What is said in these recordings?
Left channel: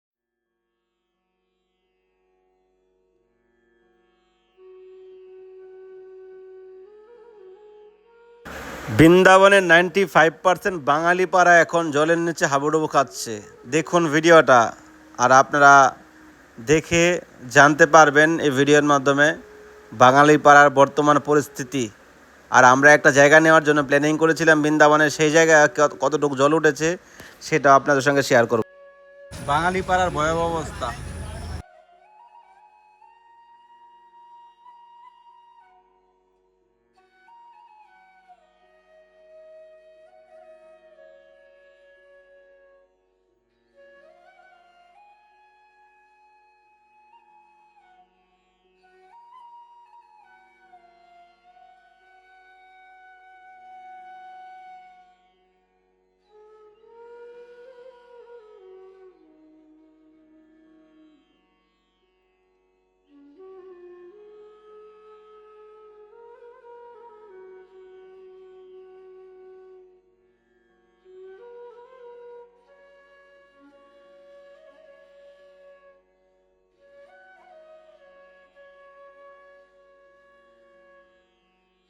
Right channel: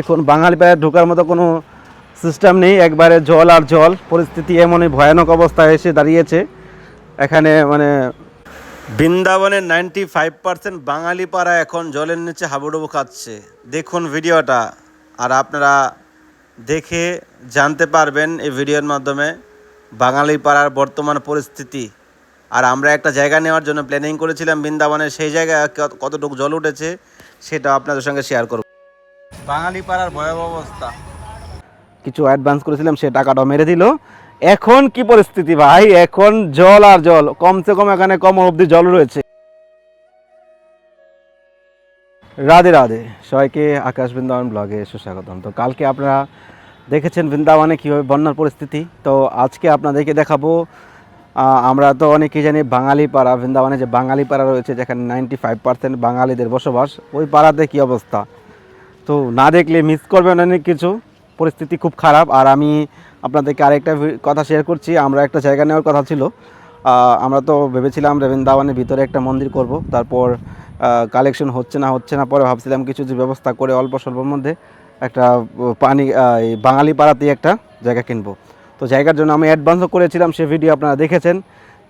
এখন বাঙালি পায়ে ঢোকার মতো কোনো সিস্টেম নেই। একবারে জল আর জল। পরিস্থিতি এমনই ভয়ানক অবস্থায় এসে দাঁড়িয়েছে। এখানে মানে বৃন্দাবনের নাইনটি ফাইভ পার্সেন্ট বাঙালি পাড়া এখন জলের নিচে হাবুডুবু খাচ্ছে। দেখুন ভিডিওটা, আর আপনারা দেখে জানতে পারবেন এই ভিডিওর মাধ্যমে বাঙালি পাড়ার বর্তমান পরিস্থিতি। আর আমরা একটা জায়গা নেওয়ার জন্য প্ল্যানিং করেছিলাম বৃন্দাবনে সেই জায়গায় কত- কতটুকু জল উঠেছে সেটা আপনাদের সঙ্গে শেয়ার করব। বাঙালি পাড়ার ভয়াবহ অবস্থা। কিছু অ্যাডভান্স করেছিলাম, সে টাকাটা মেরে দিল। এখন কি পরিস্থিতি ভাই? এখন জল আর জল। কমসে কম এখানে কম অবধি জল রয়েছে। রাধে রাধে। সবাইকে আকাশ বৃন্দাবন ব্লগে সুস্বাগতম। তো কালকে আপনারা দেখেছেন বৃন্দাবনে কীভাবে বন্যার পরিস্থিতি। তো আজকে আপনাদেরকে দেখাবো আমরা তো অনেকেই জানি বাঙালি পাড়া বৃন্দাবনে যে বাঙালি পাড়া রয়েছে, যেখানে নাইনটি ফাইভ পার্সেন্ট বাঙালিদের বসবাস, ওই পাড়াতে কী অবস্থা? তো না দেখলে মিস করবেন অনেক কিছু। পরিস্থিতি খুব খারাপ। আর আমি আপনাদেরকে আরেকটা কথা শেয়ার করছি। আমরা একটা জায়গা নেওয়ার কথা ছিল। আমরা তো ভেবেছিলাম যে বৃন্দাবনের ভিতরে একটা মন্দির করব। তারপর কালেকশন হচ্ছে না হচ্ছে না। পরে ভাবছিলাম কিছু যে ব্যবস্থা করে অল্প স্বল্পর মধ্যে একটা পানি বাঙালি পাড়াতেই একটা জায়গা কিনবো। তো জায়গার জন্য আমি অ্যাডভান্সও করেছিলাম। সে ভিডিও আপনারা দেখেছেন।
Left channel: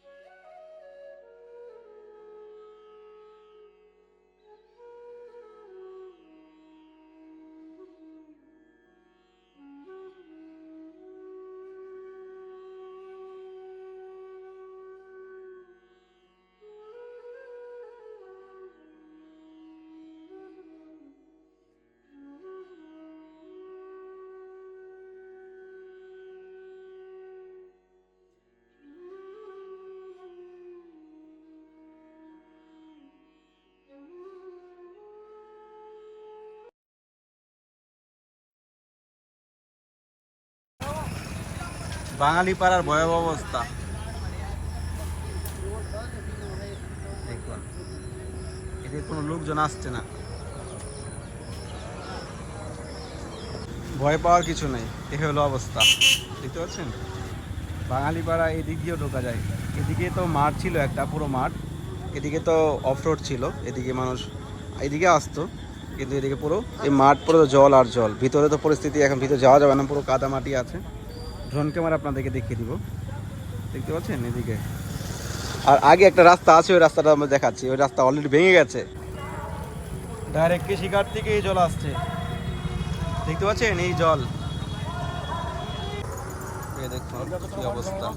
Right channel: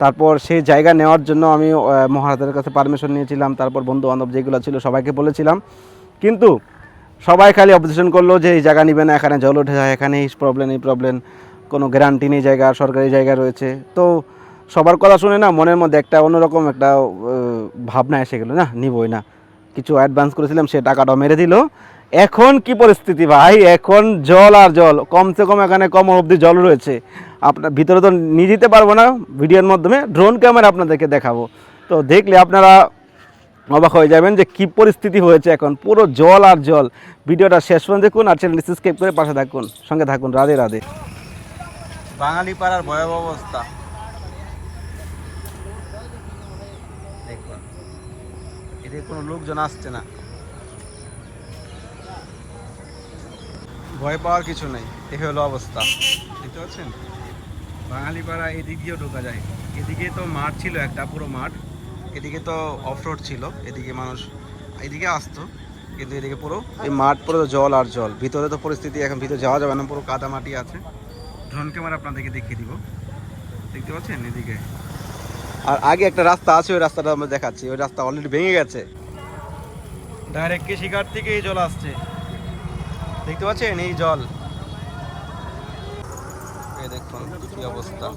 তারপর সেই জায়গা নেওয়ার জন্য আমি মহারাজের কাছে পারমিশন নিয়েছিলাম। তারপর বন্ধু বান্ধব যেগুলো ছিল সবাইকে বলেছিলাম। কিন্তু সবাই খালি অবজেকশন করল যে এই জায়গা নিবে না, এখানে জল উঠে যায় এখানে এই প্রবলেম এই প্রবলেম কোনো গ্যারান্টি নেই জায়গা, সরকারি জায়গা রয়েছে। তো সবার কথা শুনে না মনের মধ্যে একটা অন্যরকম একটা ভাবনা এসে গেলো, না, নিবই না। কিছু অ্যাডভান্স করেছিলাম, সে টাকাটাও মেরে দিল। এখন কি পরিস্থিতি ভাই? এখন জল আর জল, কমসে কম এখানে কম অবধি জল রয়েছে। আপনার ভিতরে তো নিয়ে যেতে পারব না, ভিডিওর মাধ্যমে ড্রোন ক্যামেরা আপনাদেরকে দেখাবো। তো দেখলে আপনারা অবাক হয়ে যাবেন যে কি পরিস্থিতি হয়েছে এখন। পুরো জল আর জল। ভিডিওটা শেষ পর্যন্ত দেখুন আর চ্যানেলটি সাবস্ক্রাইব করে পাশে থাকুন। সঙ্গে থাকুন। রাধে রাধে। বাঙালি পাড়ার ভয়াবহ অবস্থা। দেখুন। এদের কোনো লোকজন আসছে না। ভয় পাওয়ার কিছু নেই। এ হলো অবস্থা। দেখতে পাচ্ছেন? বাঙালি পাড়া এদিক দিয়েও ঢোকা যায়। এদিকে তো মাঠ ছিল একটা, পুরো মাঠ। এদিকে তো অফ রোড ছিল, এদিকে মানুষ এদিকে আসতো, কিন্তু এদিকে পুরো এই মাঠ পুরো জল আর জল। ভিতরে তো পরিস্থিতি এখন ভিতরে যাওয়া যাবে না, পুরো কাদা মাটি আছে। ড্রোন ক্যামেরা আপনাদেরকে দেখিয়ে দিব। দেখতে পাচ্ছেন এদিকে? আর আগে একটা রাস্তা আছে, ওই রাস্তাটা আমরা দেখাচ্ছি। ওই রাস্তা অলরেডি ভেঙে গেছে। ডাইরেক্ট কৃষিঘাট থেকে এই জল আসছে। দেখতে পাচ্ছেন এই জল? দেখুন কি অবস্থা।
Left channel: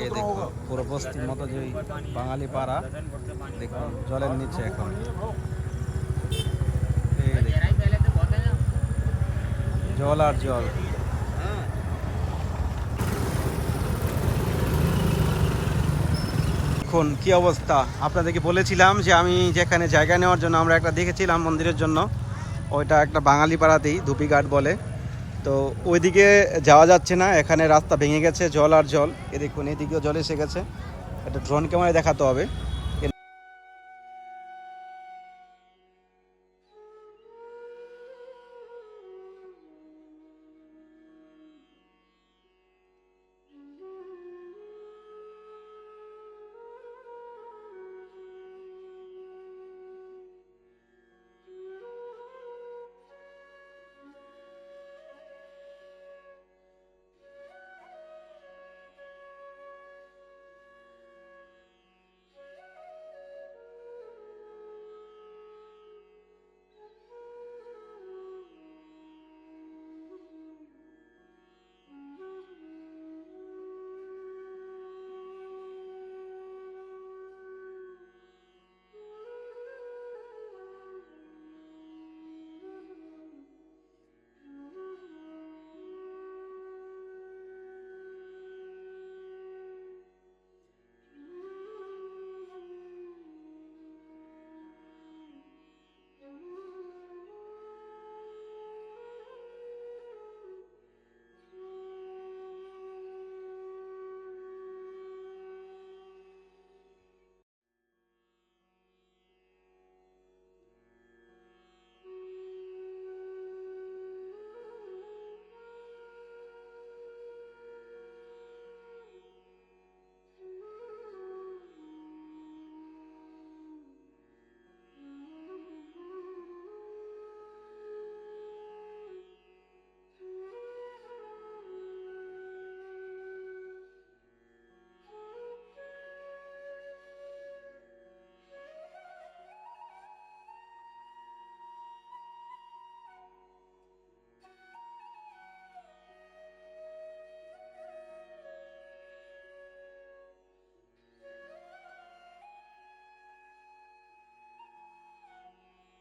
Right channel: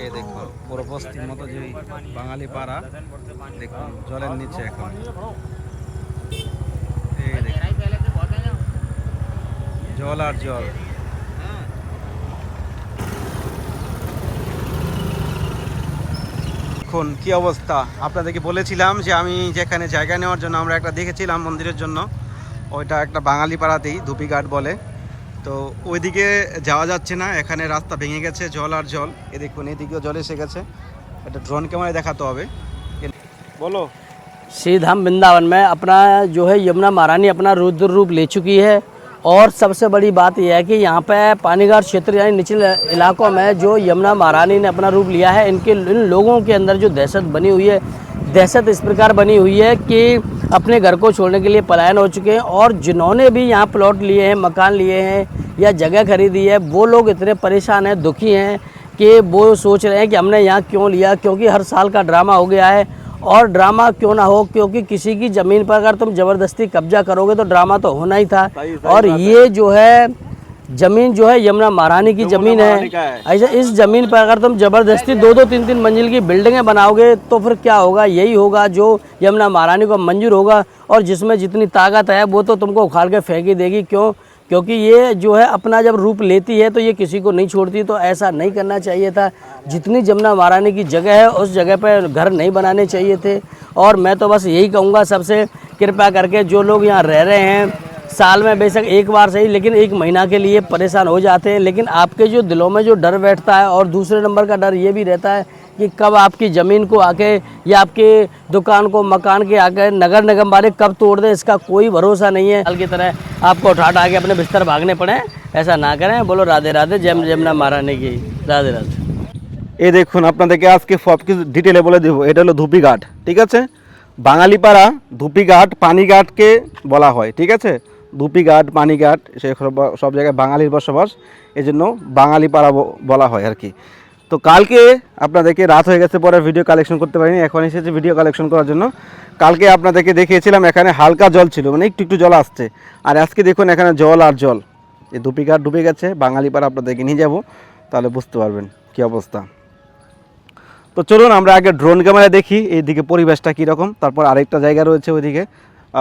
এই দেখুন, পুরো বস্তির মতো যে বাঙালি পাড়া, দেখুন, জলের নিচে এখন। এই দেখুন, জল আর জল। দেখুন, কি অবস্থা? আপনাদেরকে বলেছিলাম যে আমি যেখানে জায়গা নেওয়ার জন্য আমরা একটা দেখেছিলাম মন্দিরের জন্য। ওইটা একটা বাঙালি পাড়াতেই ধুপিঘাট বলে। তো ওইদিকে যাওয়া যাচ্ছে না এখানে রাস্তা ভেঙে গেছে জল আর জল এ দেখুন এদিকেও জল এসে গেছে একটা ড্রোন ক্যামেরায় দেখাতে হবে বলো श्री धाम वृंदावन में अपना जो है यमुना महारानी अपना रुद्र रूप ले चुकी है और सबसे बड़ी बात यह है कि यहाँ पे पानीघाट क्षेत्र यानी निचले इलाकों में जो यमुना महारानी ने अपना रूप लिया है इनके इन लोगों के अंदर जो दहशत बनी हुई है दहशत इस प्रकार बनी हुई है कि अपने घर को छोड़ने के लिए पलायन हो चुके हैं और जिन्होंने भी यहाँ प्लॉट लिए हैं मकान लिए हैं या जगह खरीदी है वो लोग इतने परेशान हैं दुखी हैं कि वो सोच रहे हैं कि हमने यहाँ क्यों लिया क्योंकि हर साल का ड्रामा हो गया है और ड्रामा क्यों ना हो क्योंकि किसी की ज़मीन पर अगर तुम ज़बरदस्ती कब्जा करोगे तो ड्रामा तो होना ही था। और ये जो है ज़मीन जो है यमुना महारानी की ज़मीन है। ऐसा इस ज़मीन पर अगर तुम ज़बरदस्ती दो दो तीन तीन मंजिल की बिल्डिंगें बनाओगे तो फिर क्या होगा? यही होगा जो यमुना महारानी को मंजूर होगा और जिसमें जितनी ताकत है वो तो तुमको उखाड़ के फेंकी देगी। क्यों? क्योंकि ये जो है अपना जब रूप लेती है तो ये किसी को नहीं छोड़ती तो ऐसा नहीं करना चाहिए था। जितनी जमुना महारानी की जगह है उस जगह पर घर नहीं बनाने चाहिए थे। और मैं तो बस यही कहूँगा सबसे कृपया करके जो लोग यहाँ रह रहे हैं साल में बेशक एक बार सही लेकिन एक महीना के लिए परेशान हो जाते हैं लेकिन आपके जो दिलों में जो डर बैठता है और दूसरे नंबर का डर ये भी रहता है कि कब आपकी ज़मीन को आके या आपके दुकान को मकान के आके नगर निगम वाले कब तोड़ दें इसका कोई भरोसा नहीं है कल की तरह आपको उठा उठा के अपने बिस्तर भागने पड़े ऐसा ना करें बोलो राधे राधे जय जमुना महारानी की राधे राधे এই দেখুন আপনাদেরকে আজকে সব কিছু ডিটেলে বলে দেবো এটা হলো ধুপিঘাট ঠিক আছে বাঙালিপাড়া ধুপিঘাট পানিঘাটকে বলা হয় ঠিক আছে ধুপিঘাট পানিঘাট সে সব- জায়গায় বাঙালির বসবাস। এই জন্য বাঙালিপাড়া ব- বলা হয় আর কি। তো কালকে আপনাদেরকে রাত হয়ে গেছে পরে ভিডিও কালেকশন করতে পারিনি, এখন এসেছে ভিডিও কালেকশন করার জন্য। কালকে আপনাদেরকে দেখিয়েছিলাম এখানে হালকা জল ছিল মানে একটু একটু জল আসছে। আর আজকে দেখুন এখানে জল আর জল। এই দুপিঘাট ডুবে গেছে, বাঙালি পাড়া আপনাদেরকে নিয়ে যাব, তাহলে বুঝতে পারবেন কি অবস্থা। তো চলুন আমরা আগে ড্রোন ক্যামেরা দেখি, এইদিকে পরিবেশটা কীরকম, তারপর আরেকটা জায়গা রয়েছে ওইদিকে।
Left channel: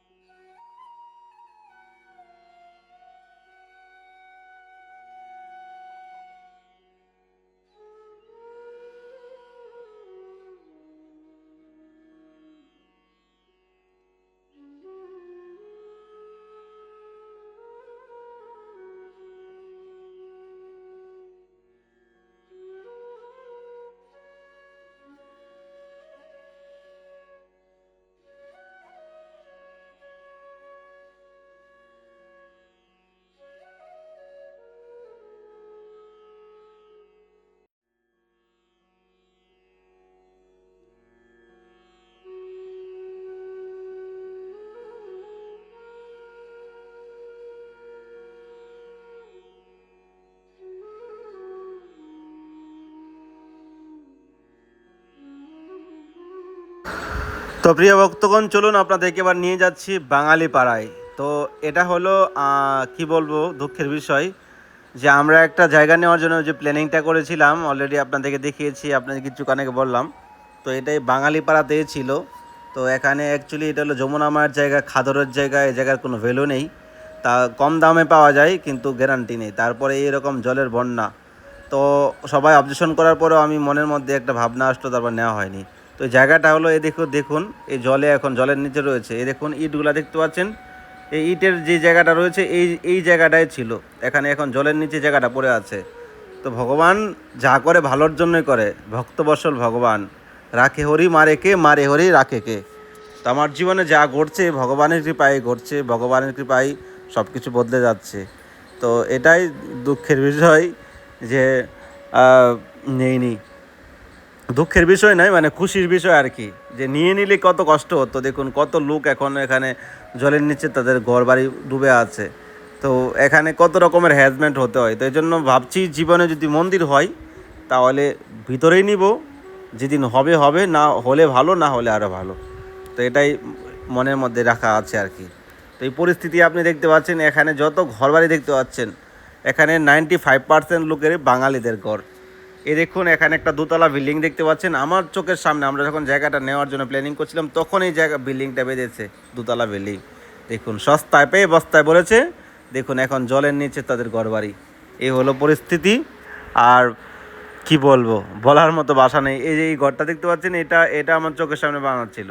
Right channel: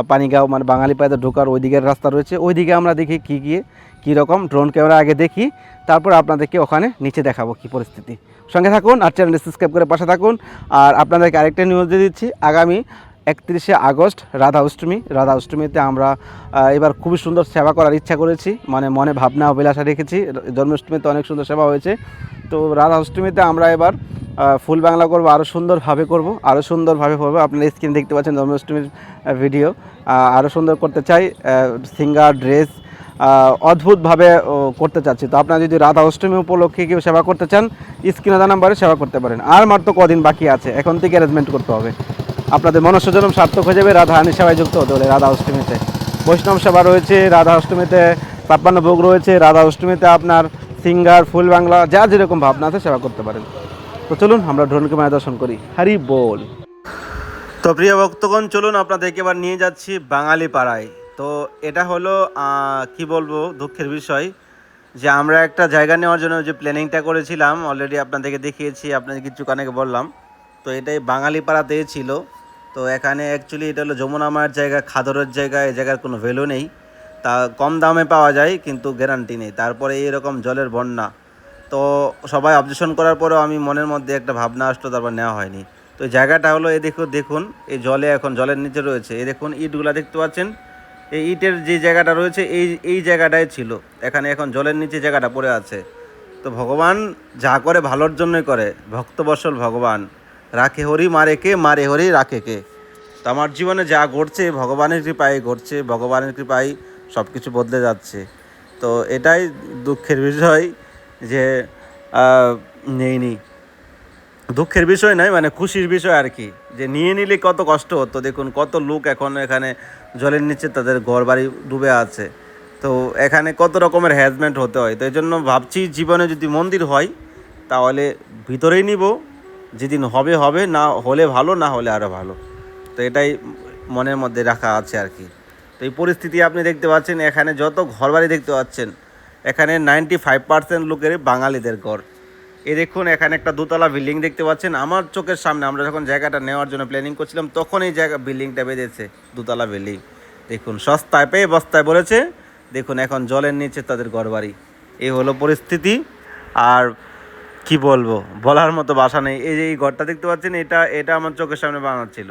পানিগাঁও মানে বাঙালি পায়দা ঢোকার ওই দিকের রাস্তা রয়েছে। ওইদিকে আমরা দেখি কী গিয়ে কীরকম ড্রোন ক্যামেরা আগে দেখি, তারপর আপনাদেরকে ওখানে নিচে দেখাবো কী পরিস্থিতি। সঙ্গে থাকুন আর চ্যানেল সাবস্ক্রাইব করে পাশে থাকুন। আর আপনাদেরকে আরেকটা নিউজ দিয়ে দিচ্ছি, আগামী একত্রিশে আগস্ট রাধা অষ্টমী রাধা অষ্টমীতে আমরা এবার খুবই সুন্দর সেবা করার ইচ্ছা করেছি মানে মনে ভাবনা অভিলাষা রেখেছি। জন্মাষ্টমীতে অনেক সুন্দর সেবা হয়েছে। তো রাধা অষ্টমীতে আমরা এবার ফুল বাংলা করব আরও সুন্দরভাবে করব আরও সুন্দরভাবে করব। আপনারা স্ক্রিন দেখতে পাচ্ছেন জন্মাষ্টমীর ভিডিও আরও সুন্দর করতে চাই সিঙ্গার ড্রেস অদ্ভুতভাবে করতে চাচ্ছি। তো আপনারা যদি রাধা অষ্টমী উপলক্ষে কেউ সেবা করতে চান স্ক্রিনে দেওয়া নাম্বারে সেবা করতে পারেন। আর মাত্র কদিন বাকি আছে, এখন থেকে অ্যারেঞ্জমেন্ট করতে হবে। আপনাদের মনস্যজনম সার্থক হয়ে যাবে, রাধা হানি সেবায় যুক্ত হতে হলে রাধা অষ্টমীতে। বৈষ্ণব সেবা রয়েছে, রাধা অষ্টমীতে ছাপ্পান্ন ভোগ রয়েছে, রাধা অষ্টমীতে আপনার সিঙ্গার, ফুল বাংলা, যা যেরকম ভাবনা আছে সেবা করতে পারেন। তো চলুন, আমরা ড্রোনকে মায়া দর্শন করি। হরি বল। তো প্রিয় ভক্তগণ, চলুন, আপনাদেরকে এবার নিয়ে যাচ্ছি বাঙালি পাড়ায় তো এটা হলো কি বলব, দুঃখের বিষয় যে আমরা একটা জায়গা নেওয়ার জন্য যে প্ল্যানিংটা করেছিলাম অলরেডি আপনাদেরকে দেখিয়েছি আপনাদের কিছু কানেকে বললাম। তো এটাই বাঙালি পাড়াতেই ছিল। তো এখানে অ্যাকচুয়ালি এটা হলো যমুনা মায়ের জায়গা, খাদরের জায়গা, এই জায়গার কোনো ভ্যালু নেই। তা কম দামে পাওয়া যায়, কিন্তু গ্যারান্টি নেই। তারপরে এইরকম জলের বন্যা। তো সবাই অবজেকশন করার পরেও আমি মনের মধ্যে একটা ভাবনা আসলো, তারপর নেওয়া হয়নি। তো জায়গাটা হলো এই দেখুন দেখুন, এই জলে এখন, জলের নিচে রয়েছে। এই দেখুন, ইটগুলা দেখতে পাচ্ছেন? এই ইটের যে জায়গাটা রয়েছে, এই এই জায়গাটাই ছিল। এখানে এখন জলের নিচে জায়গাটা পড়ে আছে। তো ভগবান যা করে ভালোর জন্যই করে। ভক্তবৎসল ভগবান। রাখে হরি, মারে কে, মারে হরি, রাখে কে। তো আমার জীবনে যা ঘটছে, ভগবানের কৃপায় ঘটছে, ভগবানের কৃপায় সব কিছু বদলে যাচ্ছে। তো এটাই দুঃখের বিষয়। যে নেইনি দুঃখের বিষয় নয় মানে খুশির বিষয় আর কি। যে নিয়ে নিলে কত কষ্ট হতো, দেখুন, কত লোক এখন এখানে জলের নিচে তাদের ঘর বাড়ি ডুবে আছে। তো এখানে কত রকমের হ্যাজমেন্ট হতে হয়। তো এই জন্য ভাবছি জীবনে যদি মন্দির হয়, তাহলে ভিতরেই নিব। যেদিন হবে হবে, না হলে ভালো, না হলে আরও ভালো। তো এটাই মনের মধ্যে রাখা আছে আর কি। তো এই পরিস্থিতি আপনি দেখতে পাচ্ছেন, এখানে যত ঘরবাড়ি দেখতে পাচ্ছেন এখানে নাইনটি ফাইভ পার্সেন্ট লোকের বাঙালিদের ঘর। এই দেখুন, এখানে একটা দোতলা বিল্ডিং দেখতে পাচ্ছেন। আমার চোখের সামনে আমরা যখন জায়গাটা নেওয়ার জন্য প্ল্যানিং করছিলাম, তখন এই জায়গা বিল্ডিংটা বেঁধেছে, দোতলা বিল্ডিং। দেখুন, সস্তায় পেয়ে বস্তায় বলেছে। দেখুন, এখন জলের নিচে তাদের ঘরবাড়ি। এই হলো পরিস্থিতি। আর কি বলব, বলার মতো বাসা নেই। এই যে এই ঘরটা দেখতে পাচ্ছেন, এটা এটা আমার চোখের সামনে বানাচ্ছিল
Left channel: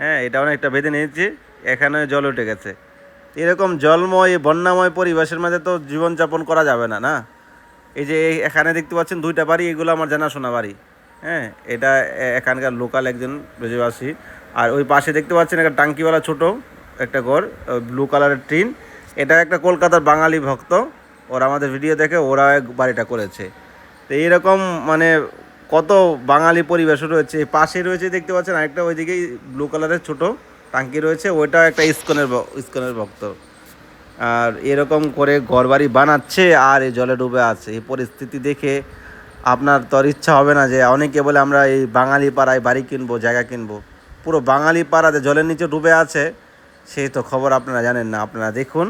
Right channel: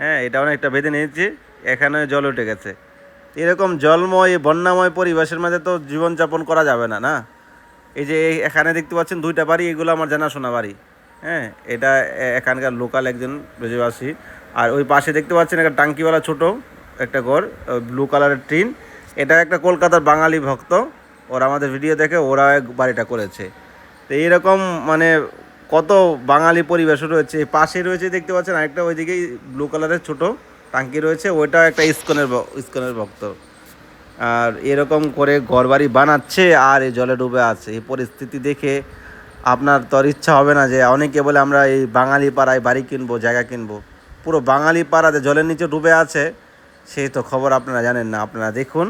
হ্যাঁ এটা অনেকটা বেঁধে নিয়েছে। এখানে জল উঠে গেছে। এরকম জলময়, বন্যাময় পরিবেশের মাঝে তো জীবনযাপন করা যাবে না না? এই যে এখানে দেখতে পাচ্ছেন দুইটা বাড়ি, এগুলো আমার জানাশোনা বাড়ি। হ্যাঁ এটা এখানকার লোকাল একজন ব্রজবাসী আর ওই পাশে দেখতে পাচ্ছেন একটা টাঙ্কিওয়ালা ছোট একটা ঘর ব্লু কালারের টিন। এটা একটা কলকাতার বাঙালি ভক্ত, ওরা আমাদের ভিডিও দেখে, ওরা এক বাড়িটা করেছে। তো এইরকম মানে কত বাঙালি পরিবেশ রয়েছে। পাশে রয়েছে দেখতে পাচ্ছেন আরেকটা, ওইদিকেই ব্লু কালারের ছোট টাঙ্কি রয়েছে ওইটা একটা ইস্কনের ইস্কনের ভক্ত। আর এরকম করে ঘরবাড়ি বানাচ্ছে আর এই জলে ডুবে আছে। এই পরিস্থিতি দেখে আপনার তো আর ইচ্ছা হবে না যে অনেকে বলে আমরা এই বাঙালি পাড়ায় বাড়ি কিনবো, জায়গা কিনবো। পুরো বাঙালি পাড়াতে জলের নিচে ডুবে আছে, সেই তো খবর আপনারা জানেন না। আপনারা দেখুন,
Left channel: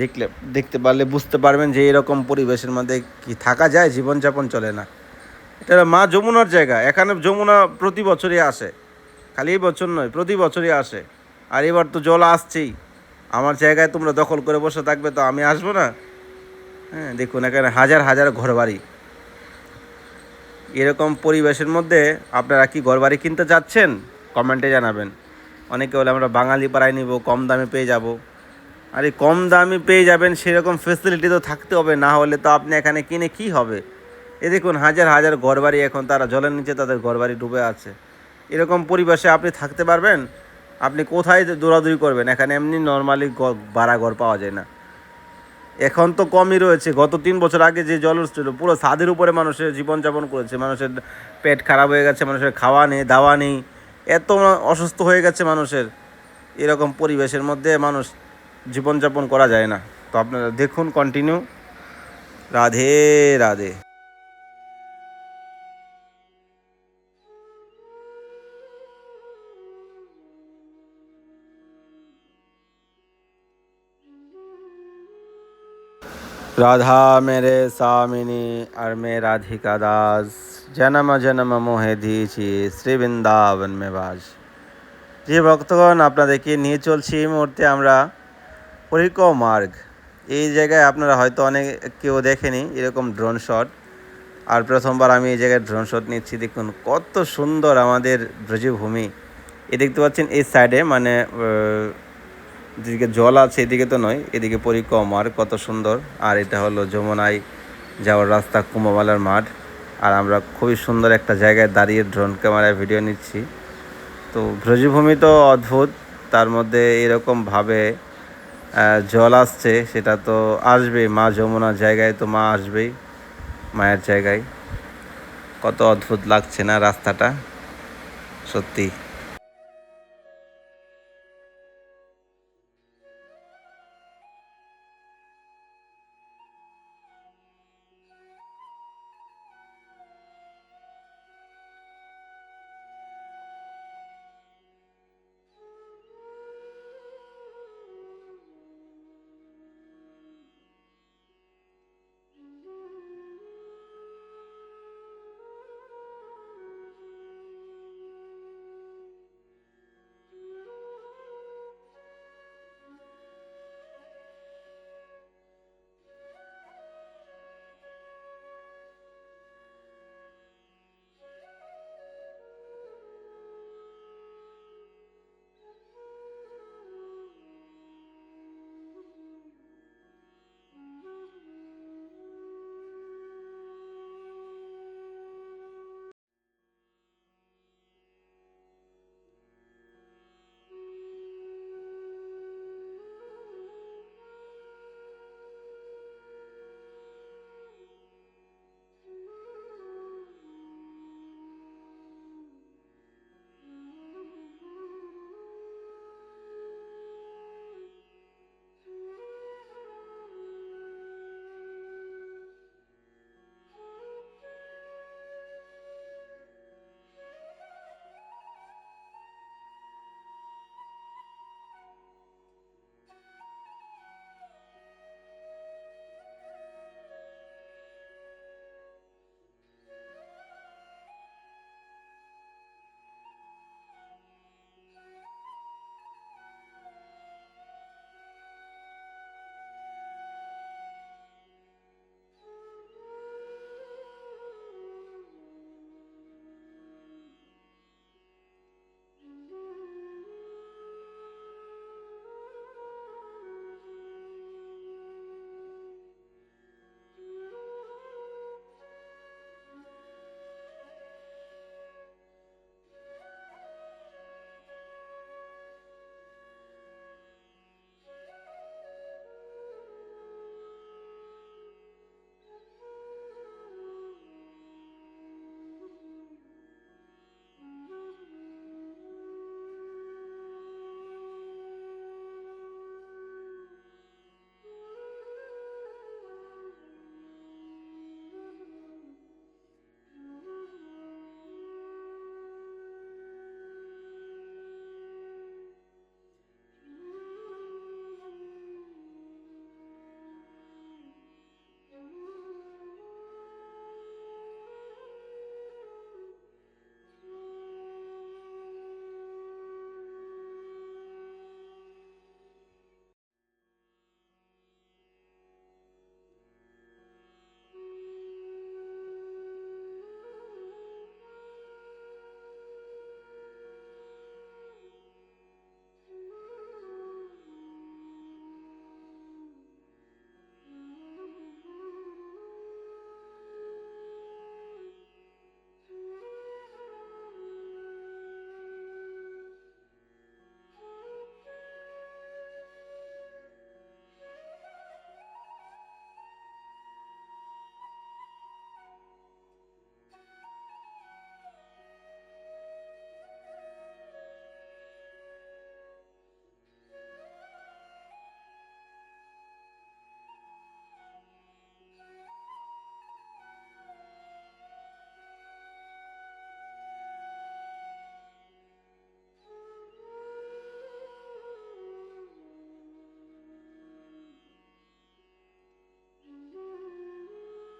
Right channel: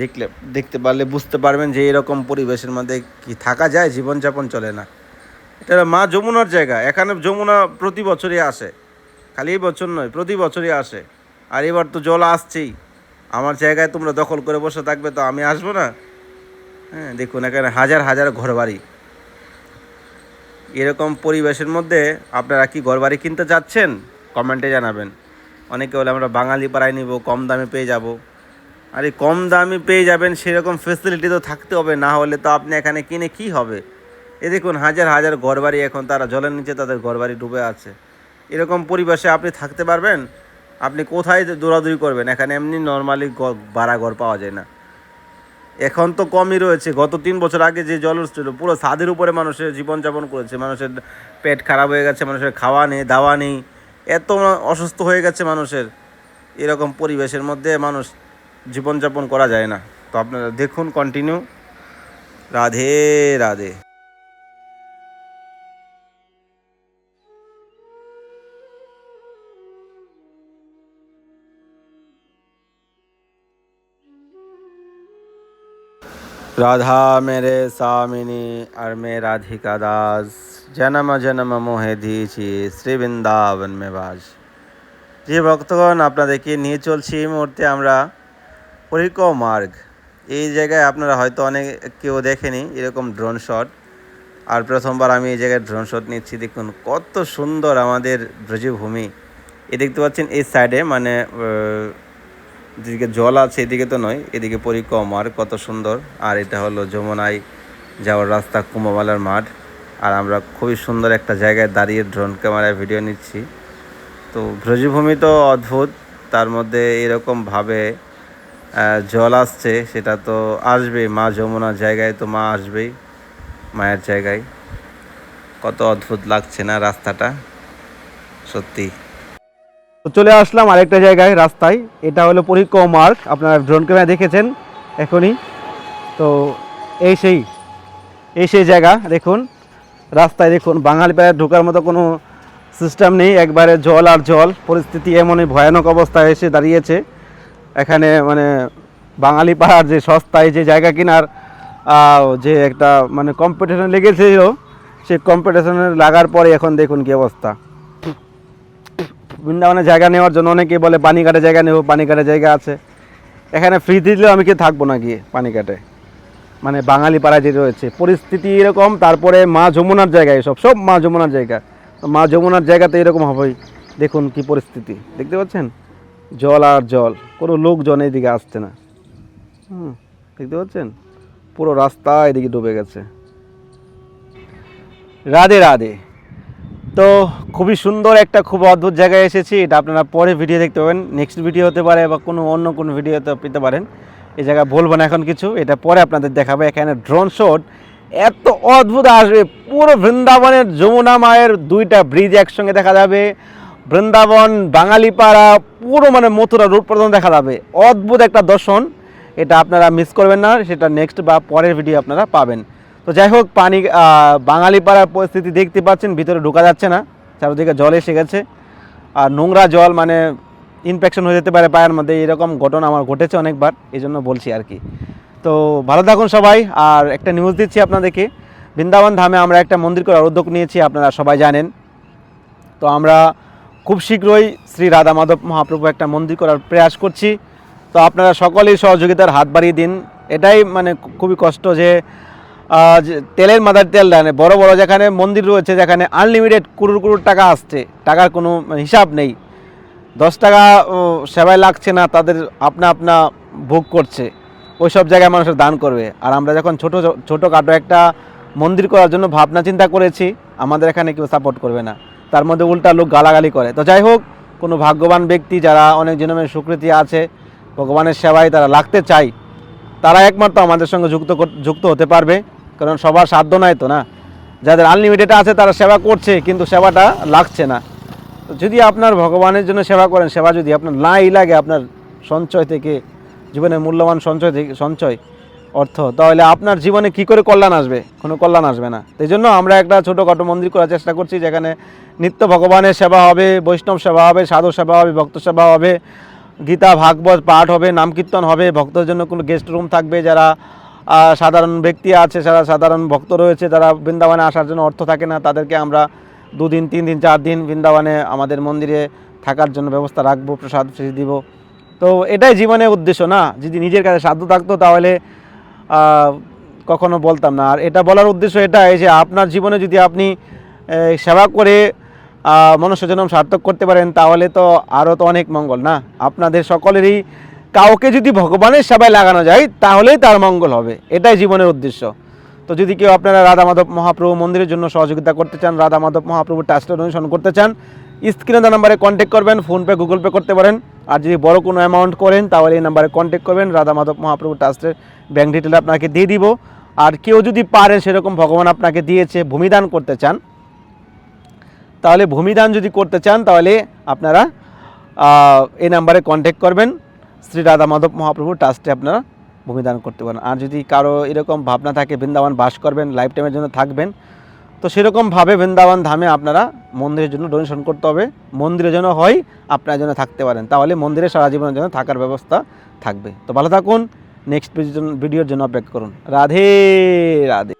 দেখলে, দেখতে পারলে বুঝতে পারবেন যে এরকম পরিবেশের মধ্যে কি থাকা যায়, জীবনযাপন চলে না। এটা মা যমুনার জায়গা। এখানে যমুনা প্রতি বছরই আসে। খালি এই বছর নয়, প্রতি বছরই আসে। আর এবার তো জল আসছেই। আমার জায়গায় তোমরা দখল করে বসে থাকবে তো আমি আসব না? হ্যাঁ দেখুন, এখানে হাজার হাজার ঘরবাড়ি। এরকম পরিবেশের মধ্যে আপনারা কি ঘরবাড়ি কিনতে চাচ্ছেন কমেন্টে জানাবেন। অনেকে বলে আমরা বাঙালি পাড়ায় নিব, কম দামে পেয়ে যাব। আরে কম দামে পেয়ে যাবেন, সেরকম ফেসিলিটি তো থাকতে হবে। না হলে তো আপনি এখানে কিনে কি হবে? এ দেখুন, হাজার হাজার ঘরবাড়ি এখন তারা জলের নিচে তাদের ঘরবাড়ি ডুবে আছে। এরকম পরিবেশে আপনি থাকতে পারবেন, আপনি কোথায় দৌড়াদৌড়ি করবেন, এখানে এমনি নর্মালি ভাড়া ঘর পাওয়া যায় না। এখন তো কমই রয়েছে, গত তিন বছর আগে যে জল ছিল পুরো ছাদের উপরে মানুষের জীবনযাপন করেছে, মানুষের পেট খারাপ হয়ে গেছে, মানুষের খাওয়া নেই, দাওয়া নেই, এত অসুস্থ হয়ে গেছে মানুষের। এরকম পরিবেশের মধ্যে মানুষ জীবনযাপন করা যায় না। তো আপনারা দেখুন কন্টিনিউ রাধে রাধে। রাধা মেরে সামিনী আর মে রাধিকা দাস। জনম জনম মোহে দিয়েছি শ্রী বৃন্দাবন মে বাস। যে ভক্তগণ আপনাদেরকে নিয়ে চলছি এই মুহূর্তে আমরা? পরিক মার্গ। এই জায়গায় আপনারা হয়তো অনেক কেউ দেখেনি, এরকম ড্রোন শট আর প্রথমবার আমি এই জায়গায় ড্রোন শট নিচ্ছি। দেখুন, কত সুন্দর আমাদের ব্রজভূমি। এ দেখতে পাচ্ছেন, এই সাইডে মানে যেদিকে জল আছে এদিকে তো নয়, এদিকে পরিক্রম। আর কত সুন্দর। আর এটা হলো যমুনায় যাওয়ার রাস্তা, কুম্ভমেলার মাঠ। আর আমরা খুবই সুন্দর একটা জায়গায় দাঁড়িয়ে ড্রোন ক্যামেরায় ভিডিও নিচ্ছি। তো ব্রজভূমি তো অদ্ভুত। তার মধ্যে এরকমভাবে জল আসছে, সেটা তো আসবে মা যমুনার জায়গায় তো মা আসবেই, মায়ের জায়গায়। কত অদ্ভুত লাগছে না রাস্তাটা। সত্যি। তো চলে আসলাম আরেকটা জায়গায়, রাস্তায়। এটা হলো পরিক্রমা মার্গ আপনারা ড্রোন ক্যামেরা দেখেছেন এখনই। তো এই সেই এই সেই জায়গা, দেখুন। রাস্তায় দেখুন, বাঙালি পায়ে ঢোকার মতো কোনো সিস্টেম নেই। একবারে জল আর জল। পরিস্থিতি এমনই ভয়ানক অবস্থায় এসে দাঁড়িয়েছে। এখানে মানে বাঙালি পাড়ার যে সস্তায় যে জায়গা কেনার যে একটা মানে কম্পিটিশন লেগেছিল, সেই কম্পিটিশনে লাগার পরে এখন দেখুন কি অবস্থা। বৃন্দাবনে জায়গা নেওয়ার জন্য অনেকে বলে পানিঘাটে জায়গা নেব পানিঘাটে জায়গা আছে। এখানে ফ্রি দিলেও আমি কি থাকব না গিয়ে পানিঘাটে মানে বাঙালি পাড়ায় যে রয়েছে। পরিস্থিতি এরকম, তারপরে মা যমুনার জায়গায় সব সব মা যমুনার জায়গা। মা যমুনার জায়গাতে এরকম হবেই দেখুন কি পরিস্থিতি। দেখতে পাচ্ছেন? জল আর জল। কোনো লোকজন এইদিকে আসছে না। হুম, দেখতে পাচ্ছেন? পুরো রাস্তা এদিকে ডুবে গেছে। রাধে রাধে। তো খুবই সুন্দর একটা, খুব অদ্ভুত জায়গায় এসেছি। এটা আপনারা পরে ভিডিও দেখতে পাবেন। নেক্সট ভিডিও হতে পারে বা কোনো অন্য কোনো ভিডিওতে পেতে পারেন। এই জায়গা বলব না এখন কিছু। এটা পরে আপনাদের দেখাবো। এখানে ড্রোন শট এত অদ্ভুত আসবে। পুরো বৃন্দাবনের যমুনা মায়ের দুইটা ব্রিজ একসঙ্গে দেখা যাবে। বৃন্দাবন, বাঙালিপাড়া, পুরো মানে মথুরা রূপ পর্যন্ত দেখা যাবে। অদ্ভুত একটা দর্শন। এটা আপনারা মিস করবেন না। সেটা নেক্সট বা পরের ভিডিও আপনারা পাবেন। তো যাই হোক পানি আহ, বাঙালিপাড়ার পরিস্থিতি দেখতে পাচ্ছেন ভিতরে ঢোকা যাচ্ছে না চারিদিকে জল এসে গেছে। আর নোংরা জল মানে ইনফেকশন হয়ে যেতে পারে পায়ের মধ্যে এরকম ঘটনা আমার ঘটেছে অনেকবার এই জন্য বলছি আর কি। তো ভালো থাকুন সবাই আর একটা নিউজ দিচ্ছি আপনাদেরকে। বৃন্দাবন ধামে আমরা একটা মন্দির করার উদ্যোগ নিয়েছি আপনারা সবাই জানেন। তো আমরা খুব শীঘ্রই শ্রী রাধা মাধব মহাপ্রভু একটা মন্দির করার প্রয়াস করছি। তো আপনারা সকলেই সহযোগিতার হাত বাড়িয়ে দিন। এটাই মানে খুবই কষ্ট যে তেলের মাদার তেল দেয় বড় বড় যেখানে মন্দির রয়েছে, যেখানে আনলিমিটেড কুড়ুর কুড়ুর টাকা আসছে, টাকার কোনো হিসাব নেই। দশ টাকা সেবায় লাগছে না, তাদের আপনা আপনা ভোগ করছে। ওই সব জায়গায় মানুষের দান করবে। আর আমরা যখন ছোট ছোটোখাটো একটা মন্দির করার জন্য ভাবনা চিন্তা করেছি, আমাদের এখানে কেউ সাপোর্ট করবে না। তার মধ্যে উল্টা লোক গালাগালি করে। তো যাই হোক, কোনো ভাগ্যবান ব্যক্তি যারা অনেক জনমের স্বীকৃতি আছে, ভগবানের সেবায় তারা লাগতে চায়, তারা একমাত্র আমাদের সঙ্গে যুক্ত যুক্ত হতে পারবে। কারণ সবার সাধ্য নাই তো না? যাদের আনলিমিটেড আছে তারা সেবা করছে, কিন্তু সেবাটা লাগছে না। যদি আপনার ভগবানের জন্য সেবা করেন, সেবা যদি আপনার নাই লাগে আপনার সঞ্চয় থেকে, জীবনের মূল্যবান সঞ্চয় থেকে, সঞ্চয়, অর্থ, তাহলে আপনার জীবনে কি করে কল্যাণ আসবে? কোনো কল্যাণ আসবে না। এই জন্য আমরা একটা ছোটোখাটো মন্দির করার চেষ্টা করছি, যেখানে নিত্য ভগবানের সেবা হবে, বৈষ্ণব সেবা হবে, সাধু সেবা হবে, ভক্ত সেবা হবে, গীতা, ভাগবত পাঠ হবে, নাম কীর্তন হবে, ভক্তদের জন্য কোনো গেস্ট রুম থাকবে যারা সাধারণ ব্যক্তি আছে, যারা সাধারণ ভক্ত রয়েছে, যারা বৃন্দাবনে আসার জন্য অর্থ থাকে না, তাদেরকে আমরা দুদিন, তিন দিন, চার দিন বৃন্দাবনে আমাদের মন্দিরে থাকার জন্য ব্যবস্থা রাখব, প্রসাদ দিব। তো এটাই জীবনের উদ্দেশ্য না? যদি নিজের কাছে সাধ্য থাকতো তাহলে কখনো বলতাম না। আর এটা বলার উদ্দেশ্য এটাই যে আপনার জীবনে যদি আপনি সেবা করে মনুষ্যজনম সার্থক করতে পারেন, তাহলে তো আরও তো অনেক মঙ্গল না? আপনাদের সকলেরই কাউকে যদি ভগবানের সেবায় লাগানো যায়, তাহলেই তার মঙ্গল হবে। এটাই জীবনের উদ্দেশ্য। তো যদি কেউ আপনারা রাধা মাধব মহাপ্রভু মন্দিরের জন্য সহযোগিতা করতে চান, রাধা মাধব মহাপ্রভু ট্রাস্টে ডোনেশন করতে চান স্ক্রিনে দেওয়া নাম্বারে কন্ট্যাক্ট করবেন ফোনপে গুগল পে করতে পারেন। আর যদি বড় কোনো অ্যামাউন্ট করেন, তাহলে এই নাম্বারে কন্ট্যাক্ট করবেন। রাধা মাধব মহাপ্রভু ট্রাস্টের ব্যাঙ্ক ডিটেল আপনাকে দিয়ে দিব। আর কেউ যদি পারেন, সেরকম ভগবান আপনাকে দিয়েছে, ভূমিদান করতে চান, তাহলে ভূমিদান যদি করতে চান, তাহলে আপনারা এই নাম্বারে কন্ট্যাক্ট করবেন। শ্রী রাধা মাধব মহাপ্রভু ট্রাস্টে আপনারা ভূমিদান করতে পারেন। আর যদি কারও এরকম ভাবনা থাকে, বৃন্দাবন বাস করবেন লাইফ টাইমের জন্য থাকবেন, তো সেরকমভাবে বৃন্দাবন ধামে আপনারা মন্দিরের জন্য ডোনেশন করতে হবে। মন্দিরের জন্য হয়, আপনার জন্য থাকতে পারেন। তাহলে মন্দিরে সারা জীবনের জন্য থাকার ব্যবস্থা থাকবে। তো ভালো থাকুন নেক্সট ভিডিওর জন্য অপেক্ষা করুন। রাধে রাধে।